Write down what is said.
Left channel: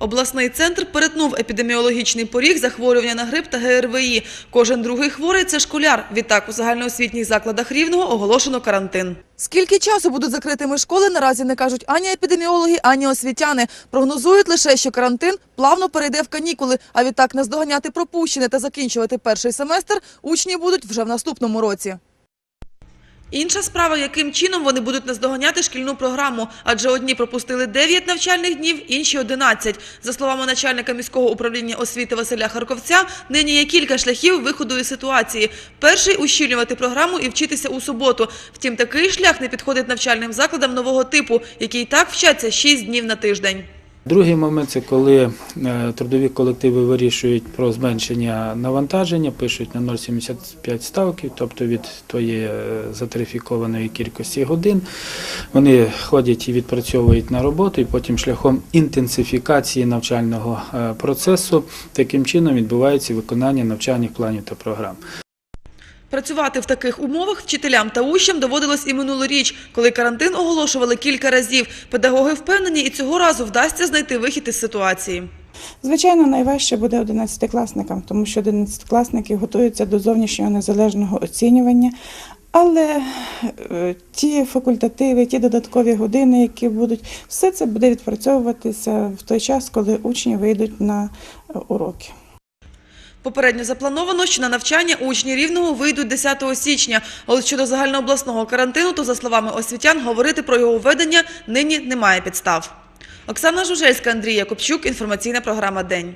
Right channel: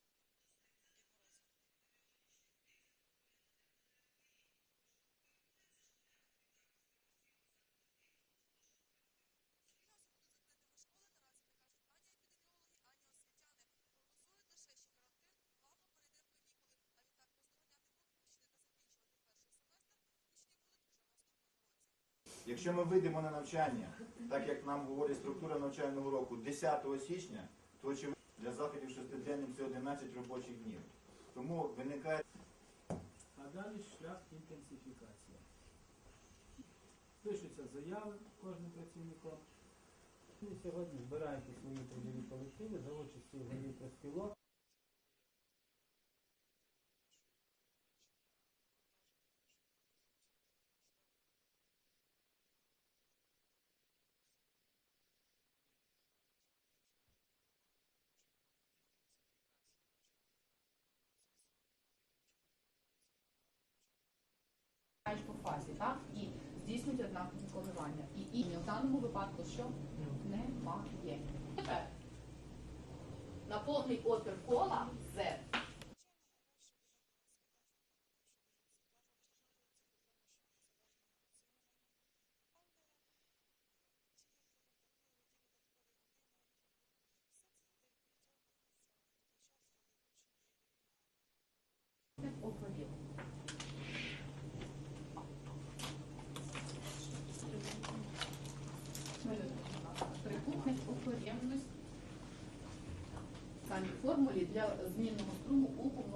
Обласний центр перетнув епідеміологічний поріг захворювання на грип та ГРВІ. Кожен другий хворий – це школяр. Відтак у загальноосвітніх закладах Рівного оголошено карантин. Скільки часу будуть закритими школи, наразі не кажуть ані епідеміологи, ані освітяни. Прогнозують лише, що карантин плавно перейде в канікули, а відтак наздоганяти пропущене та закінчувати перший семестр учні будуть вже в наступному році. Інша справа, яким чином вони будуть наздоганяти шкільну програму, адже одні пропустили 9 навчальних днів, інші 11. За словами начальника міського управління освіти Василя Харковця, нині є кілька шляхів виходу із ситуації. Перший – ущільнювати програму і вчитися у суботу. Втім, такий шлях не підходить навчальним закладам нового типу, які і так вчаться 6 днів на тиждень. Другий момент це коли е, трудові колективи вирішують про зменшення навантаження, пишуть на 0,75 ставки, тобто від тої е, затрифікованої кількості годин. Вони ходять і відпрацьовують на роботу, і потім шляхом інтенсифікації навчального е, процесу таким чином відбувається виконання навчальних планів та програм. Працювати в таких умовах вчителям та учням доводилось і минулоріч, коли карантин оголошували кілька разів. Педагоги впевнені, і цього разу вдасться знайти вихід із ситуації. Звичайно, найважче буде 11-класникам, тому що 11-класники готуються до зовнішнього незалежного оцінювання. Але е, ті факультативи, ті додаткові години, які будуть, все це буде відпрацьовуватися в той час, коли учні вийдуть на е, уроки. Попередньо заплановано, що на навчання учні Рівного вийдуть 10 січня. Але щодо загальнообласного карантину, то, за словами освітян, говорити про його введення нині немає підстав. Оксана Жужельська, Андрій Якобчук, інформаційна програма «День».